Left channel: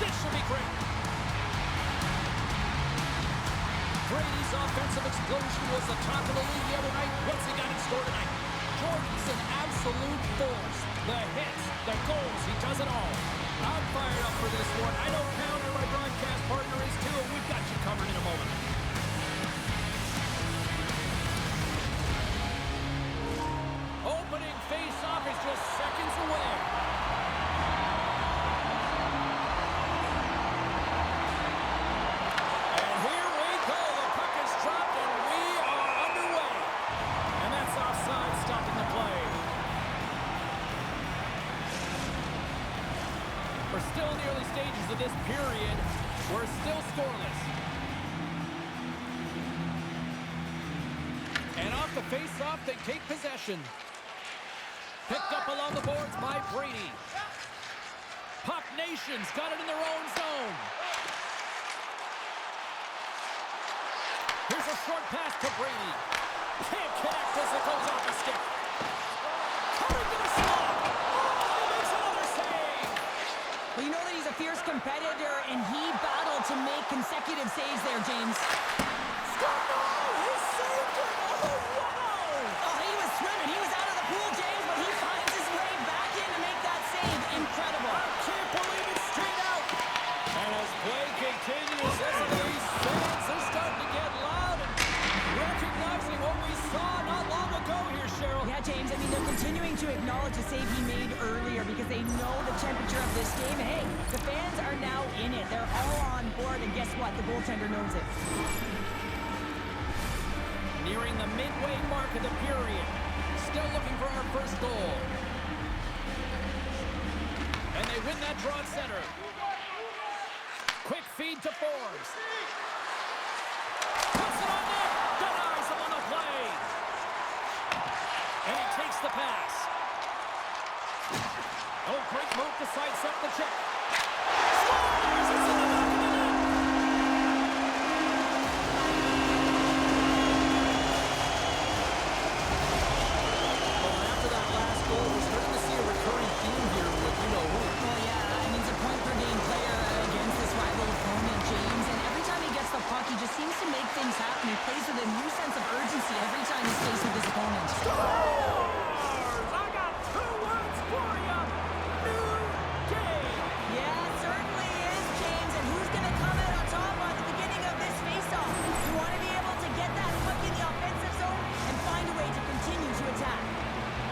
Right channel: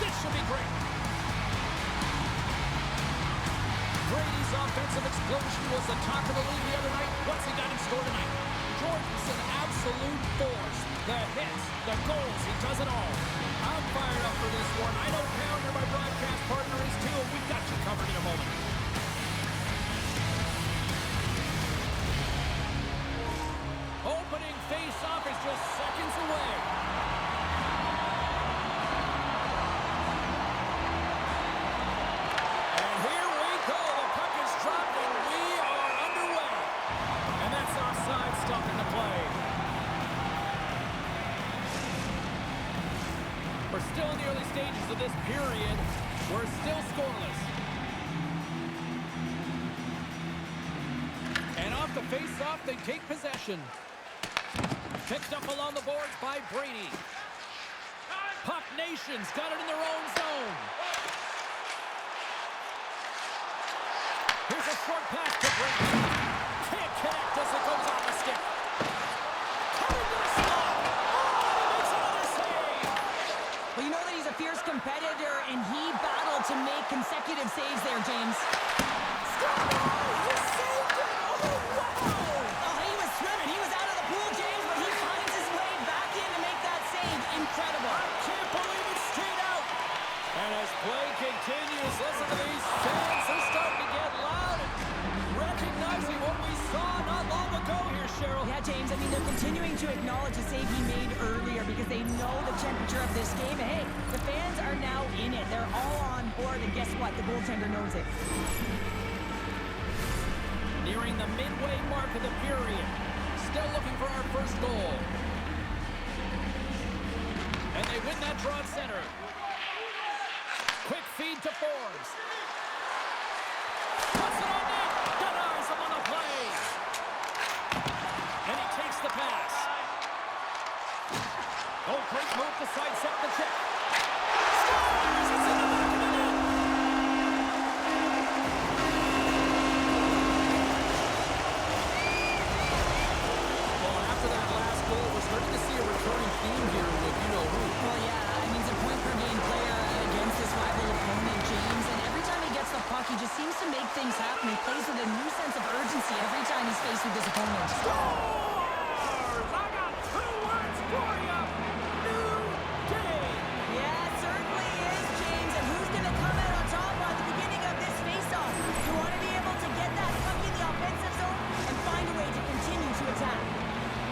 This should be great. Brady's offensive explosion was the talk of the league the other night. What's he got in store tonight? Jordan's an absolute force. The hits, the goals, he does it all. I'm fired up for this one. I know Pounder, my broadcast partner, is too, and we've got you covered in a moment. Opening face-off is just seconds away. And here we go. The puck is dropped, and we are underway. And that's offside, stopping the play. We're still in the early stages of this period. We're still scoreless. And off the face-off, they take possession. Picked up along the boards by Brady. Puck Nation's got it in their own zone. Here's a short pass to Brady. Can't connect as it goes off the stick. Coming to the slot. Oh, he makes another save. Well, you know that he's a fierce competitor, and he battled to make consecutive saves there, James. Scott, he saved it. Oh, wow. Oh, he was swimming. He was out of the pool, James, but he finds his way back in to make that save. Incredible. I can't believe it's straight out. And as play continues, listen to these fans. They're starting to get loud and recognizing what we saw not long ago here, Cheryl. Yeah, James, I mean, they're continuing to acknowledge the save he made earlier because they know the temperature of this game. Hey, the fans are now in it. They're all on board, and guess what? The goaltender knows it. Nearing the midway mark of the period. Still looking for our first goal. And they win that draw at center. Quick feed to Forbes. Puts it on net. Denies him on the play. And he takes the pass. Oh, great move to sidestep the check. Scores! It's in the back of the net. After that last goal, we're starting to see a recurring theme here with you-know-who. Well, yeah, I mean, he's a point-per-game player against this rival opponent, James, and every time he gets the puck, he just seems to make things happen. He plays with a new sense of urgency every time he's faced with his opponent. Scores! I got two words for you. New game. Yeah, it certainly is, James, and who's going to come out on top at the beginning of this face-off? You want to be able to get that puck in the offensive zone and find a way to continue to attack.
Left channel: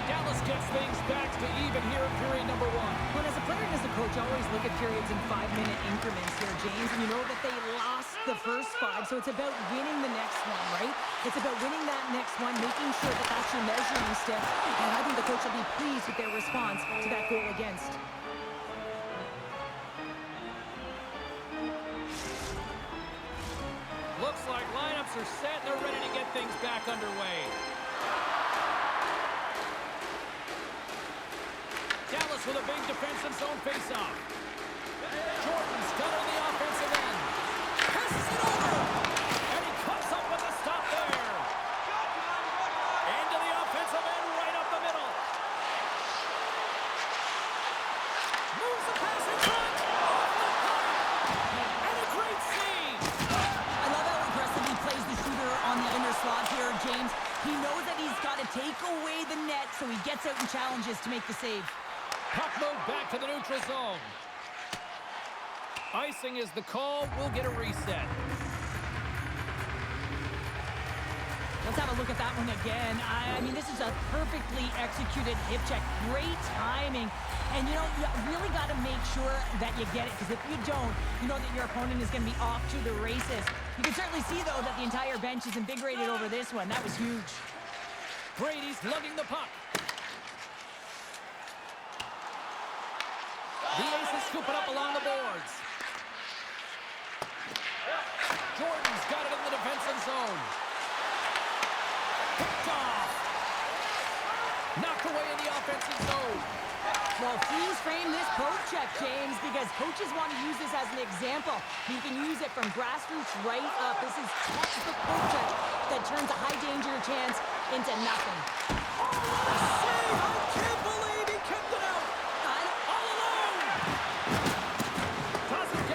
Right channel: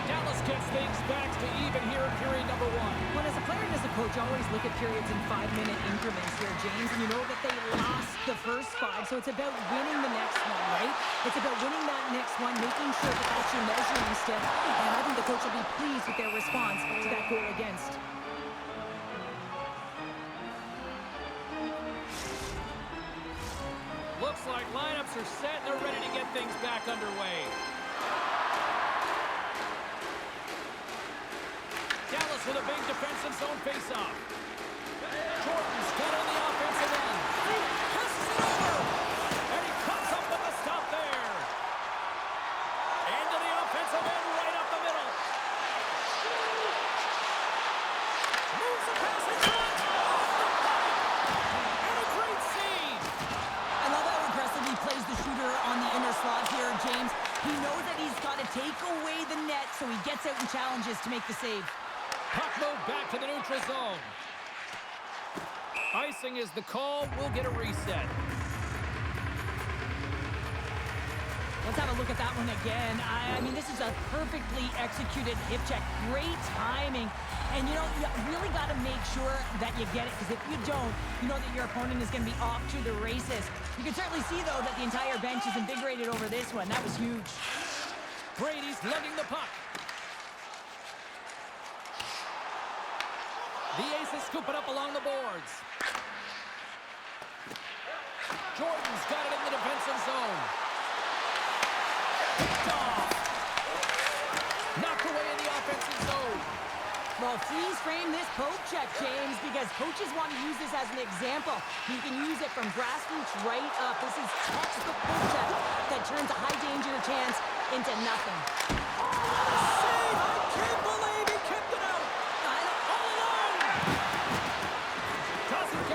Dallas gets things back to even here in period number one. Well, as a player and as a coach, I always look at periods in 5-minute increments here, James, and you know that they lost the first 5, so it's about winning the next one, right? It's about winning that next one, making sure that that's your measuring stick, and I think the coach will be pleased with their response to that goal against. Looks like lineups are set and they're ready to get things back underway. Dallas with a big defensive zone face-off. Jordan's got on the offensive end. Passes it over. And he comes up with a stop there. Into the offensive end, right up the middle. Moves the pass in front. Off the pipe. And a great save. I love how aggressive he plays the shooter on the inner slot here, James. He knows that he's got to take away the net, so he gets out and challenges to make the save. Puck moved back to the neutral zone. Icing is the call. We'll get a reset. Let's have a look at that one again. I mean, this is a perfectly executed hip check. Great timing. And, you know, you really got to make sure that you get it, because if you don't, you know that your opponent is going to be off to the races. You can certainly see, though, that the entire bench is invigorated over this one. That was huge. Brady's lugging the puck. The Aces scoop it up along the boards. Jordan's got it in the defensive zone. Picked off. Knocked away in the offensive zone. Well, please frame this poke check, James, because coaches want to use this as an example. You can use it from grassroots right up. This is textbook poke check that turns a high-danger chance into nothing. Oh, what a save! I can't believe he kept it out. All alone. Doesn't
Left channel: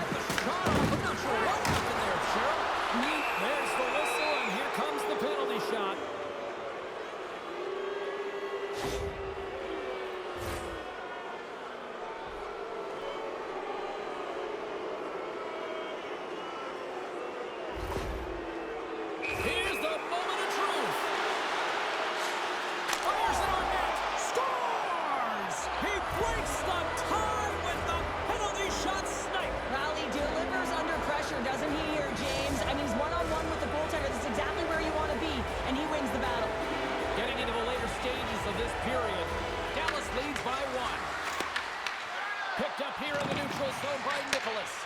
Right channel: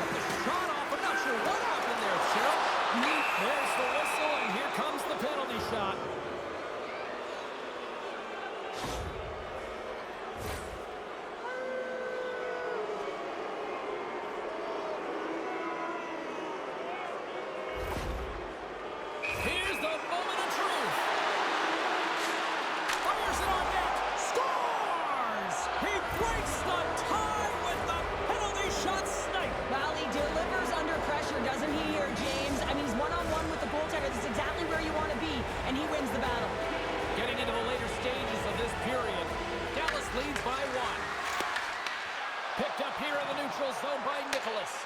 in the neutral zone by Nicholas.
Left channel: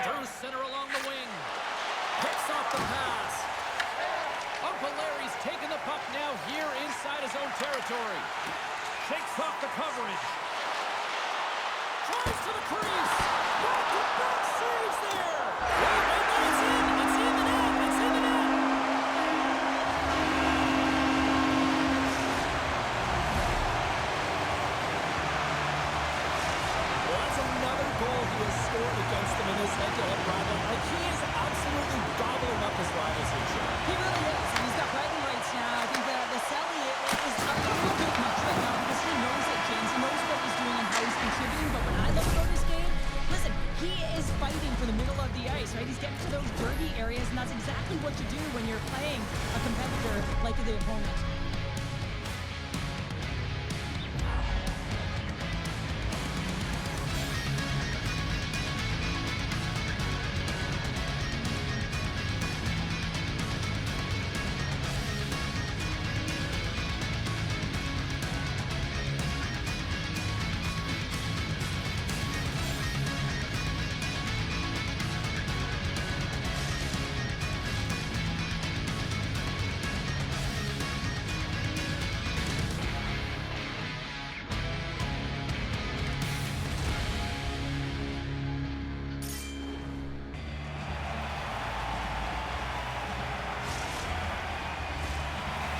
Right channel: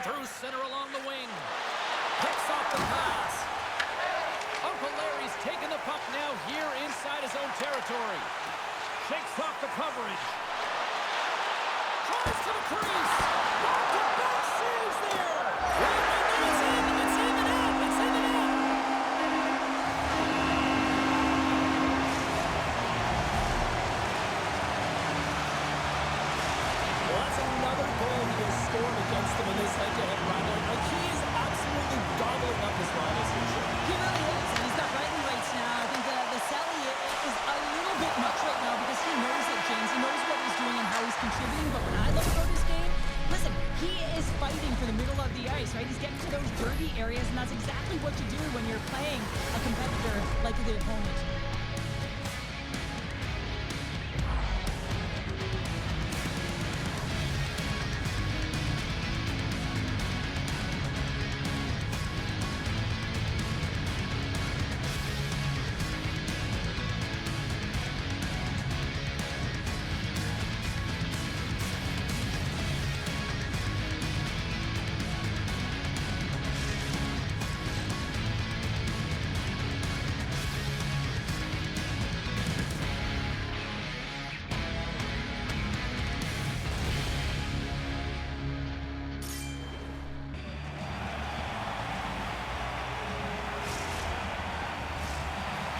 Through center along the wing. Picks off the pass. Uncle Larry's taking the puck now here inside his own territory. Shakes off the coverage. Tries to the crease. Back-to-back saves there. Wait, no, it's in. It's in the net. It's in the net. Well, that's another goal he has scored against them in this head-to-head rivalry. Like, he is absolutely gobbling up his rivals here, Joe. He really is, and he's got bragging rights now. I think the Selly is a little bit much right now because he knows it, James. He knows what he's doing and how he's contributing, but what I love about his game, listen, he is fighting for the middle of the ice, right? He's getting to those dirty areas, and that's exactly what you do when you're playing a competitor like the opponent.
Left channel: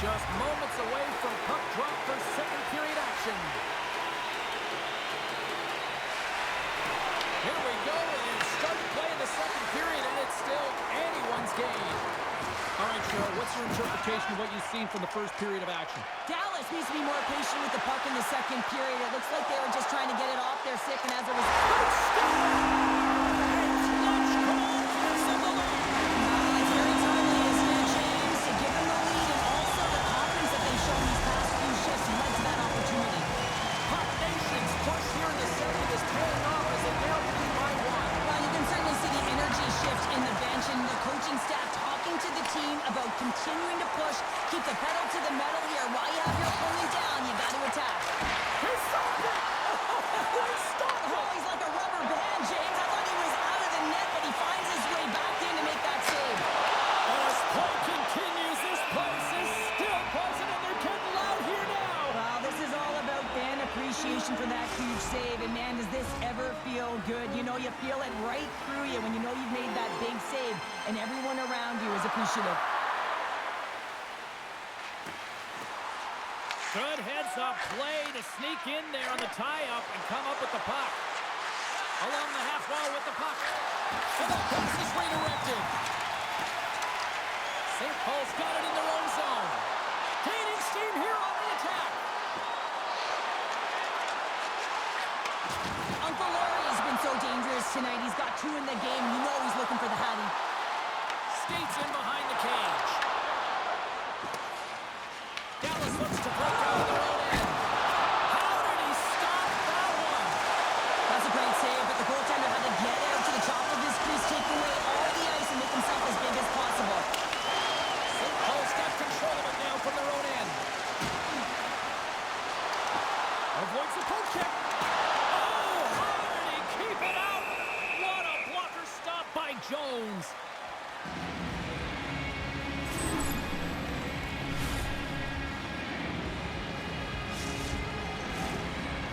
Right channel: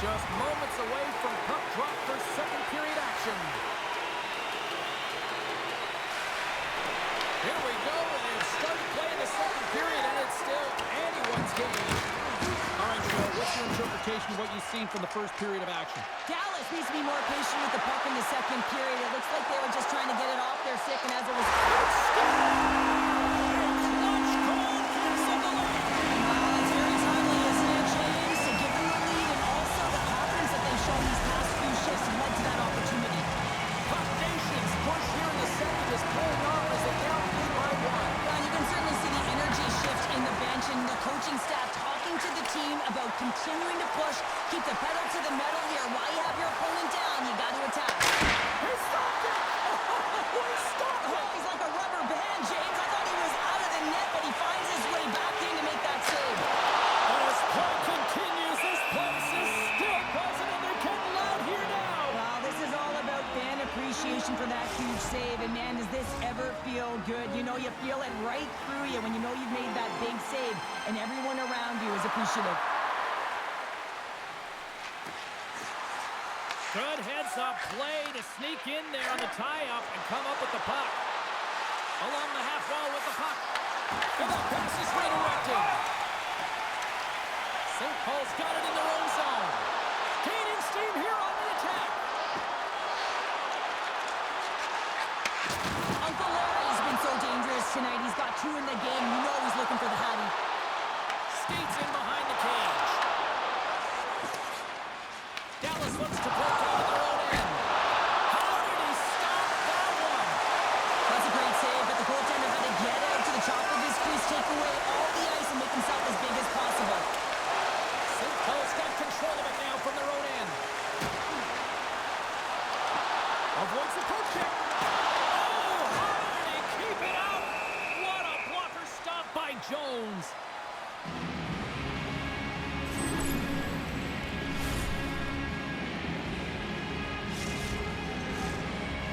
Just moments away from puck drop for second period action. Here we go, and they've started playing the second period, and it's still anyone's game. All right, Joe, what's your interpretation of what you've seen from the first period of action? Dallas needs to be more patient with the puck in the second period. It looks like they were just trying to get it off their stick, and as it was... Clutch goal gives them the lead. It's very timely, isn't it, James? To give them the lead, and also the confidence that they've shown these past few shifts led to that opportunity. Puck Nation's push here in the second is paying off as they now lead by one. Well, you can certainly see the energy shift in the bench and the coaching staff talking to the team about continuing to push, keep the pedal to the metal here. While you have your opponent down, you got to attack. He stopped it! Oh, he stopped it! Oh, he's like a rubber band, James. I thought he was out of the net, but he finds his way back in to make that save. And as play continues, this place is still buzzing, and they're getting loud here now. Well, this is all about fan appreciation for that huge save. And man, does this ever feel good? You know, you feel it right through you when you know you've made that big save, and everyone around you is appreciative. Good heads-up play to sneak in there on the tie-up and come up with the puck. Along the half wall with the puck. And the pass is redirected. St. Paul's got it in their own zone. Gaining steam here on the attack. Uncle Larry's been so dangerous tonight. He's got two in the game. You know he's looking for the Hattie. Skates in behind the cage. Dallas looks to break out of their own end. How did he stop that one? That's a great save, but the goaltender had to get out to the top of his crease, take away all the ice, and make himself as big as possible. St. Paul's got control of it now from their own end. Avoids the poke check. Oh, how did he keep it out? What a blocker stop by Jones.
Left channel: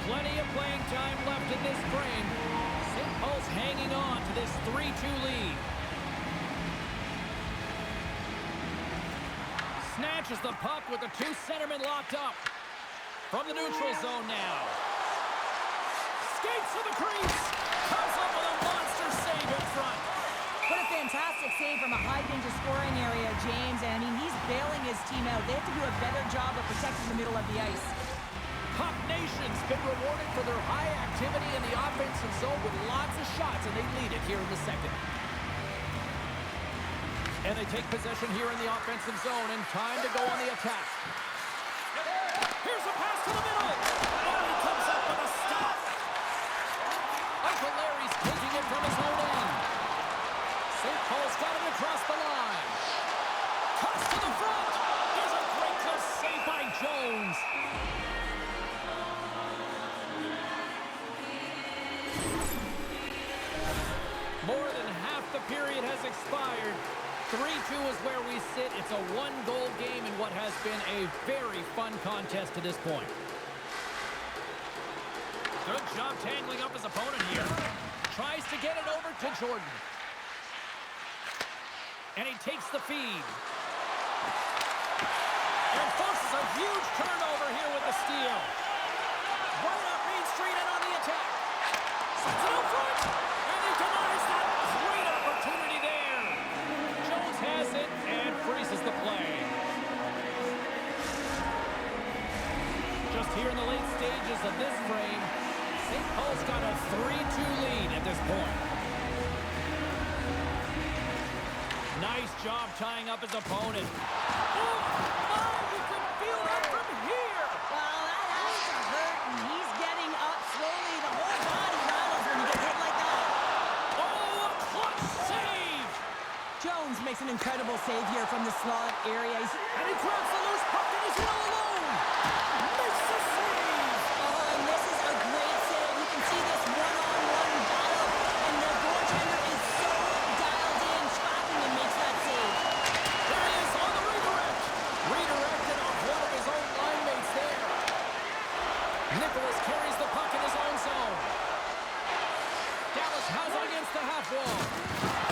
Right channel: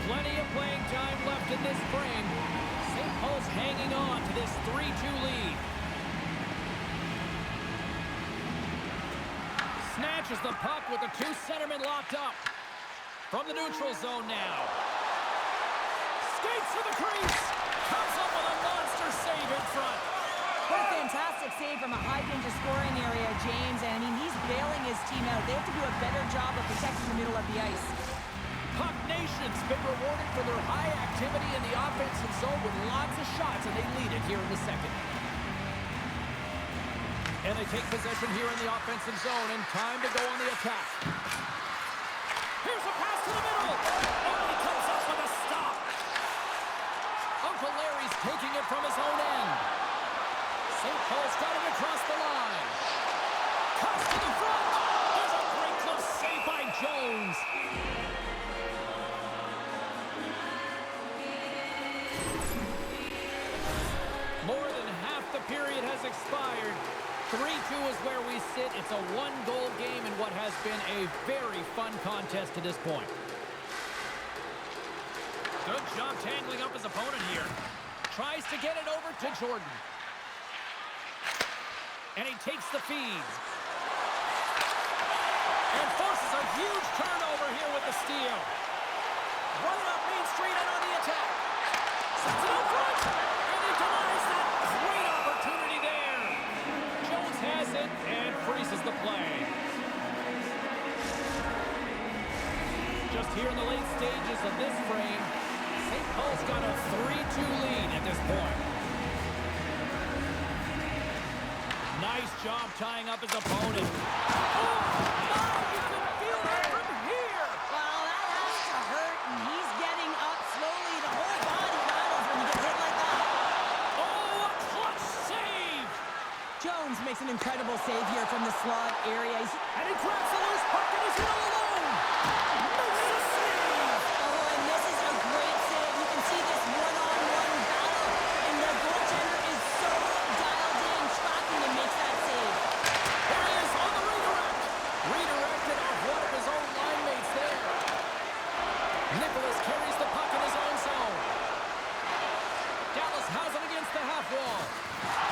Plenty of playing time left in this frame. St. Paul's hanging on to this 3-2 lead. Snatches the puck with the two centermen locked up. From the neutral zone now. Skates to the crease. Comes up with a monster save in front. What a fantastic save from a high-danger scoring area, James. And, I mean, he's bailing his team out. They have to do a better job of protecting the middle of the ice. Puck Nation's been rewarded for their high activity in the offensive zone with lots of shots, and they lead it here in the second. And they take possession here in the offensive zone, and time to go on the attack. Here's a pass to the middle. Oh, he comes up with a stop. Uncle Larry's taking it from his own end. St. Paul's got it across the line. Cuts to the front. Here's a great close save by Jones. More than half the period has expired. 3-2 is where we sit. It's a one-goal game in what has been a very fun contest to this point. Good job tangling up his opponent here. Tries to get it over to Jordan. And he takes the feed. And forces a huge turnover here with the steal. Right up Main Street and on the attack. Sends it out front. And he denies that great opportunity there. Jones has it and freezes the play. Just here in the late stages of this frame, St. Paul's got a 3-2 lead at this point. Nice job tying up his opponent. Oh, my! You can feel that from here! Well, that has to hurt, and he's getting up slowly. The whole body rattles when you get hit like that. Oh, a clutch save! Jones makes an incredible save here from the slot area. And he grabs the loose puck and he's in all alone! Makes the save! Oh, and this is a great save. You can see this one-on-one battle, and the goaltender is so dialed in, tracking and makes that save. There he is on the redirect! Redirected off one of his own line mates there. Nicholas carries the puck in his own zone. Dallas has it against the half wall.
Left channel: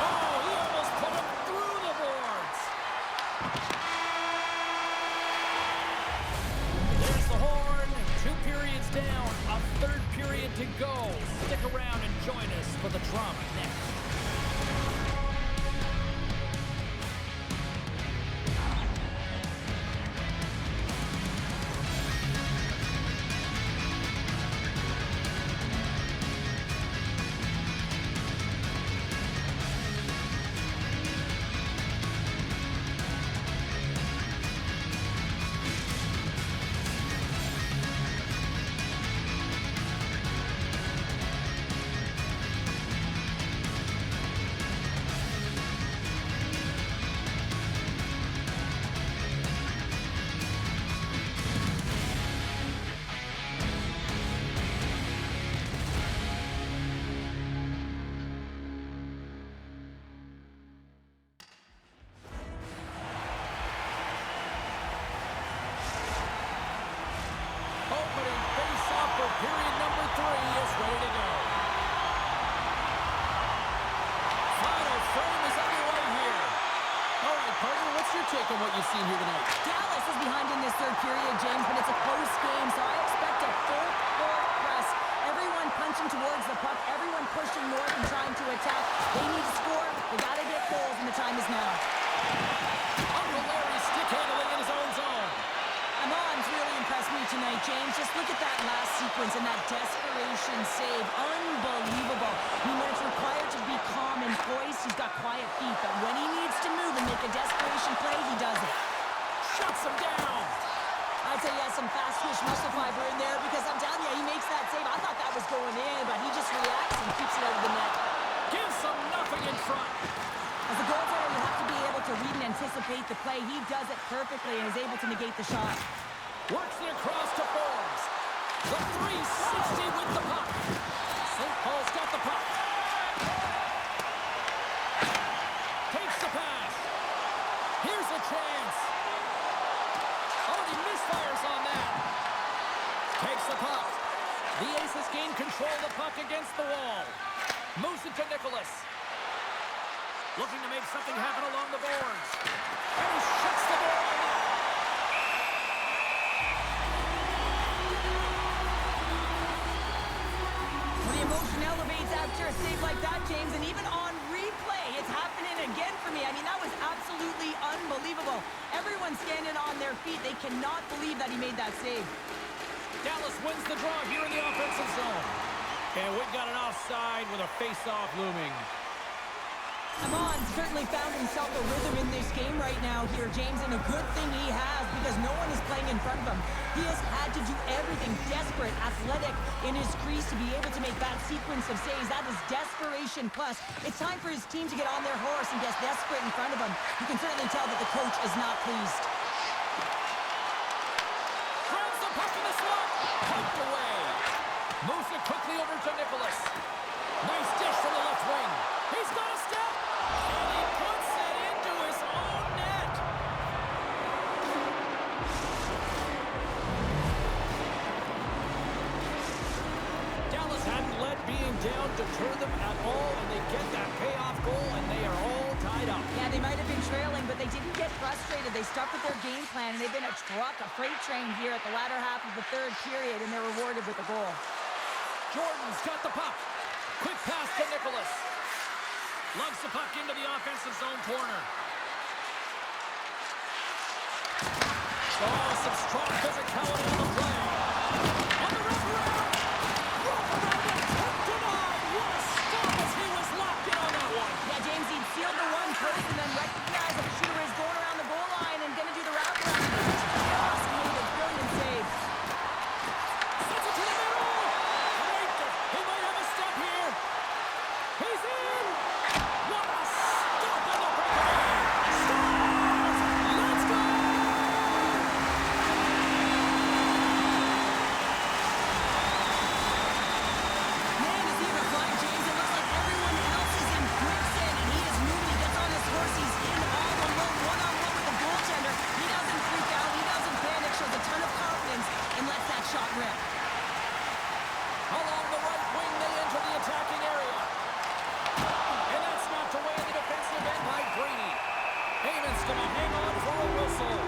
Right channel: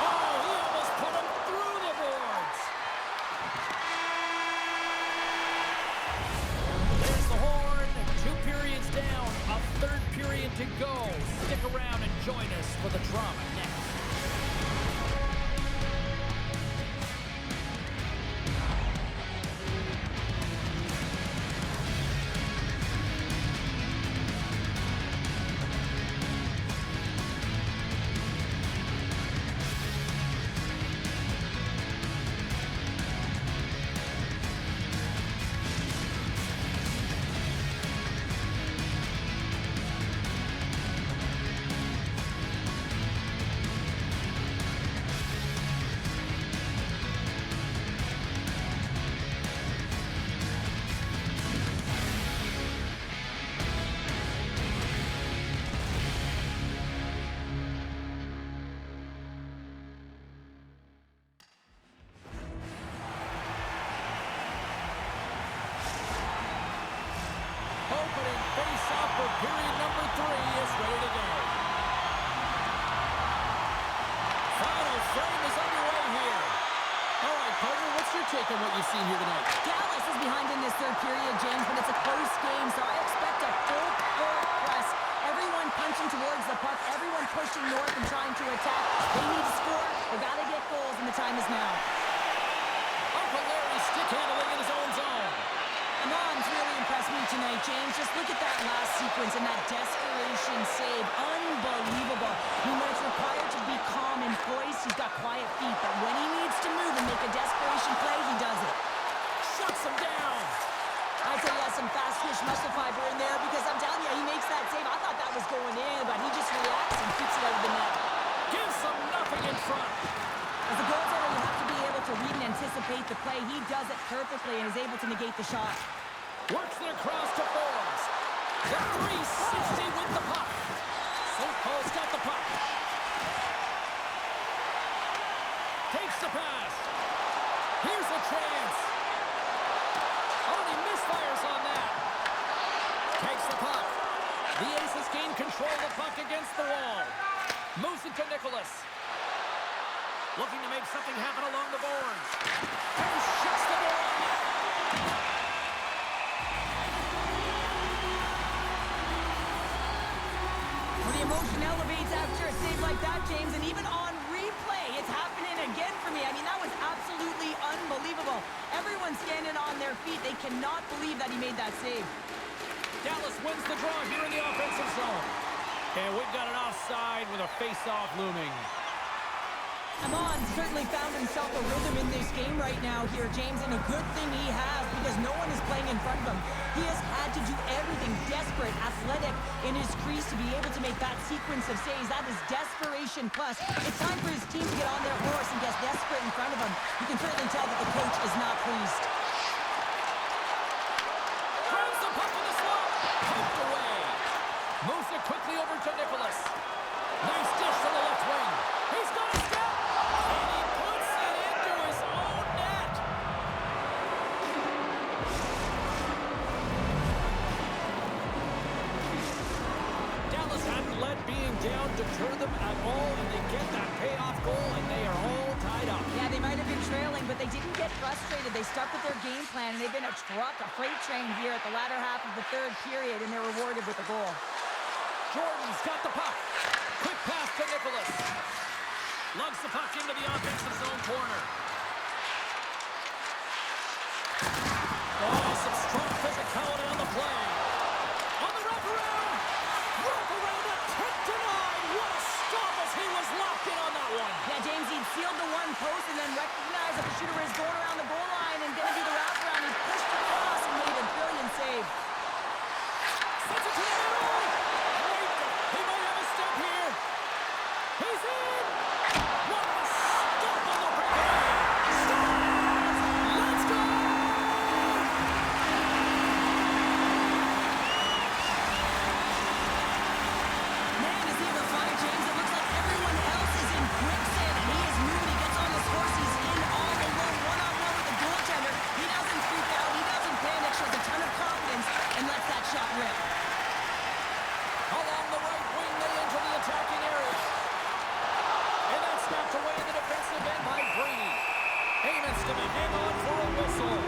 Oh, he almost put him through the boards. There's the horn. 2 periods down. A third period to go. Stick around and join us for the drama next. Opening face-off for period number 3 is ready to go. Final frame is underway here. All right, partner, what's your take on what you've seen here tonight? Dallas is behind in this third period, James, but it's a close game, so I expect a full court press. Everyone punching towards the puck, everyone pushing north and trying to attack. They need to score. They got to get goals, and the time is now. Uncle Larry stick handling in his own zone. Amon's really impressed me tonight, James. Just look at that last sequence and that desperation save. Unbelievable. I mean, when it's required to be calm and poised, he's got quiet feet. But when he needs to move and make a desperation play, he does it. Shuts him down. I'd say he has some fast-twitch muscle fiber in there because I'm telling you, he makes that save. I thought that was going in, but he just reacts and keeps it out of the net. Gives him nothing in front. As a goaltender, you have to be able to read and anticipate the play. He does it perfectly and is able to negate the shot. Works it across to Forbes. The 360 with the puck. St. Paul's got the puck. Takes the pass. Here's a chance. Oh, and he misfires on that. Takes the puck. The Aces gain control of the puck against the wall. Moves it to Nicholas. Looking to make something happen along the boards. And he shuts the door on that. Well, the emotion elevates after a save like that, James, and even on replay, it's happening again for me. I mean, that was absolutely unbelievable. Everyone's standing on their feet. They cannot believe that he made that save. Dallas wins the draw here in the offensive zone. And we've got an offside with a face-off looming. Amon certainly found himself a rhythm in this game right now here, James, and a good thing he has because no one is playing in front of him. He has had to do everything desperate, athletic in his crease to be able to make that sequence of saves. That is desperation plus. It's time for his team to get on their horse and get desperate in front of him. You can certainly tell that the coach is not pleased. Grabs the puck in the slot. Poked away. Moves it quickly over to Nicholas. Nice dish from the left wing. He's He's got a step, and he puts it into his own net. Dallas hadn't let being down deter them at all, and they get that payoff goal, and they are all tied up. Yeah, they might have been trailing, but they didn't get frustrated. They stuck with their game plan, and they've been a freight train here at the latter half of the third period, and they're rewarded with a goal. Jordan's got the puck. Quick pass to Nicholas. Lugs the puck into the offensive zone corner. Oh, some strong physicality on the play. On the wraparound. Wraparound attempt denied. What a stop as he was locked in on that one. Yeah, James, he'd sealed the one post and then recognized that the shooter is going around the goal line and going to do the wraparound. He pushed across and made a brilliant save. Sends it to the middle. Great. He might have a step here. He's in. What a stop on the breakaway. Stars. Let's go. Man, does he ever fly, James? It looks like everyone else is in quicksand, and he is moving. He gets on his horse. He's in all alone, one-on-one with the goaltender. He doesn't freak out. He doesn't panic. Shows a ton of confidence and lets that shot rip. Along the right wing, they enter the attacking area. And that's snapped away in the defensive end by Brady. Eamon's going to hang on for a whistle.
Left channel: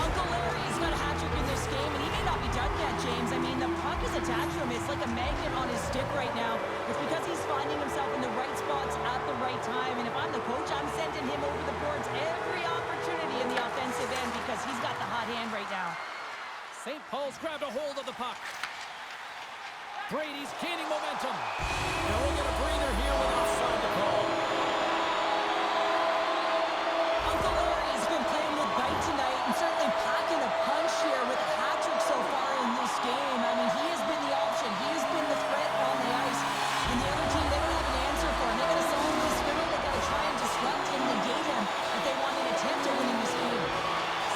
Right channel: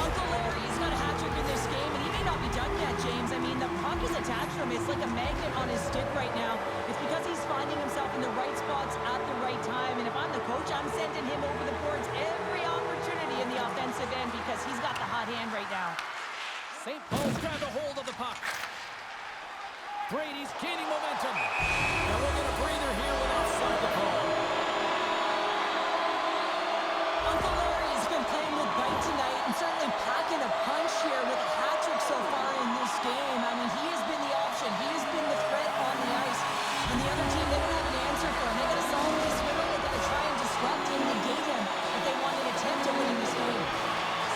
Uncle Larry's got a hat trick in this game, and he may not be done yet, James. I mean, the puck is attached to him. It's like a magnet on his stick right now. It's because he's finding himself in the right spots at the right time. And if I'm the coach, I'm sending him over the boards every opportunity in the offensive end because he's got the hot hand right now. St. Paul's grabbed a hold of the puck. Brady's gaining momentum. Now we'll get a breather here with offside to call. Uncle Larry's been playing with bite tonight and certainly packing a punch here with a hat trick so far in this game. I mean, he has been the option. He has been the threat on the ice. And the other team, they don't have an answer for him. They got to solve this riddle. They got to try and disrupt and negate him if they want an attempt at winning this game.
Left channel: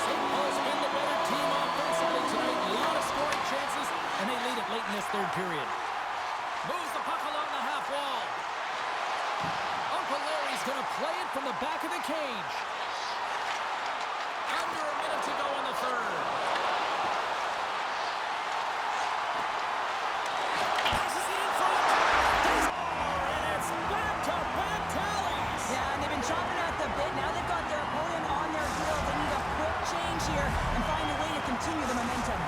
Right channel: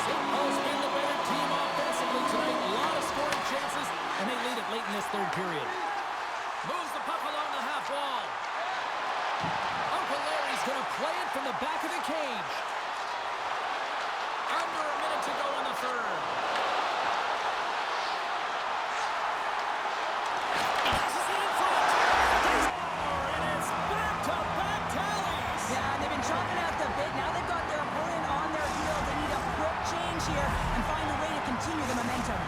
St. Paul's been the better team offensively tonight. A lot of scoring chances, and they lead it late in this third period. Moves the puck along the half wall. Uncle Larry's going to play it from the back of the cage. Under a minute to go in the third. Passes it in front. They score, and it's back-to-back tallies. Yeah, and they've been chopping at the bit. Now they've got their opponent on their heels. They need a quick change here and find a way to continue the momentum.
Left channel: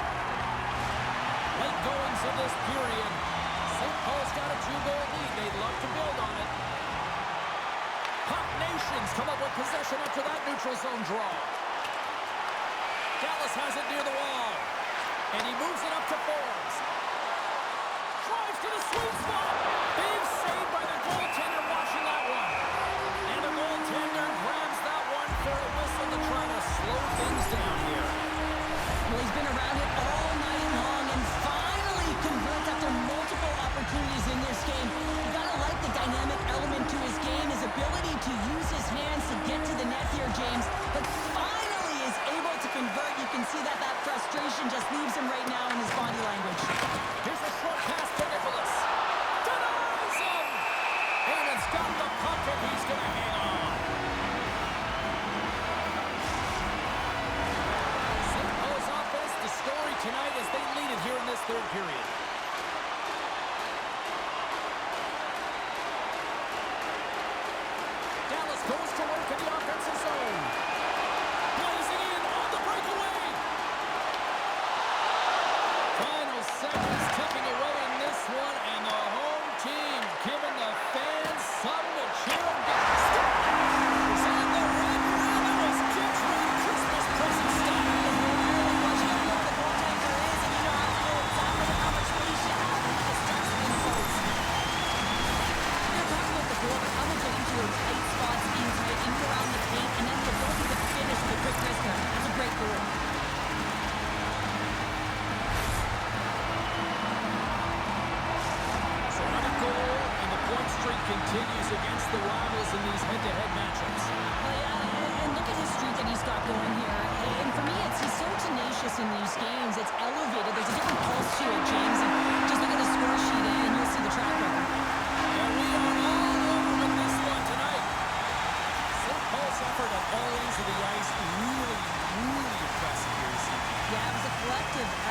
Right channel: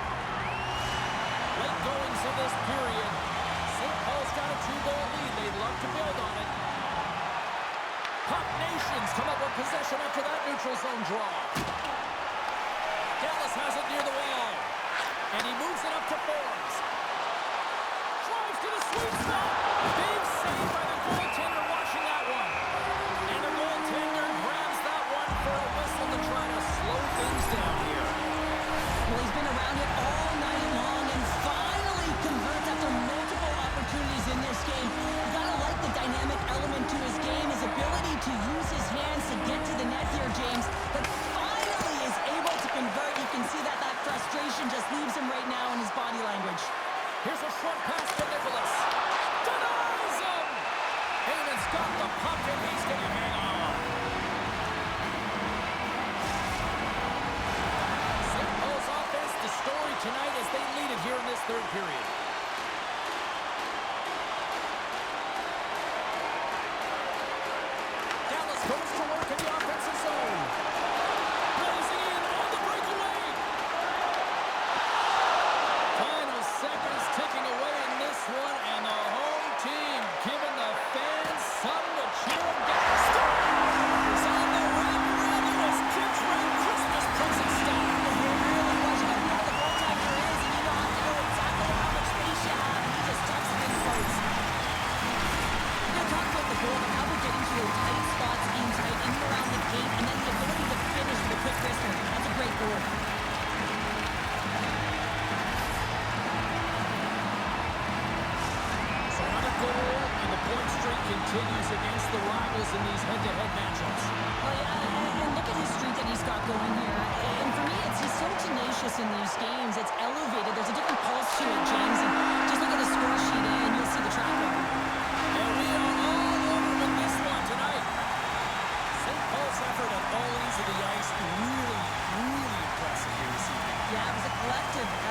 Late goings of this period. St. Paul's got a 2-goal lead. They'd love to build on it. Puck Nations come up with possession after that neutral zone draw. Dallas has it near the wall. And he moves it up to Forbes. Drives to the sweet spot. Big save by the goaltender watching that one. And the goaltender grabs that one for a whistle to try to slow things down here. Well, he's been around it all night long and finally converts after multiple opportunities in this game. You gotta like the dynamic element to his game, his ability to use his hands to get to the net here, James. But finally is able to convert. You can see that frustration just leaves him right now in his body language. Here's a short pass to Nicholas. Denies him! Eamon's got the puck and he's gonna hang on. St. Paul's offense, the story tonight as they lead it here in this third period. Dallas goes to work in the offensive zone. Blazing in on the breakaway. Final seconds ticking away in this one, and the home team giving the fans something to cheer them down. Stars on the wraparound. That was Kids Red Christmas present style. It really was. You gotta know where the goaltender is, and you have to know exactly how much space you have, and he just tucks it in close. We're gonna talk about the goal, but how about getting to those tight spots in tight, in and around the paint, and then the ability to finish with a quick wrister. That's a great goal. Another goal, and the point streak continues against the rivals in these head-to-head matchups. Well, yeah, and look at his streak that he's got going here. And for me, he's so tenacious in these games. It's elevated. There's a different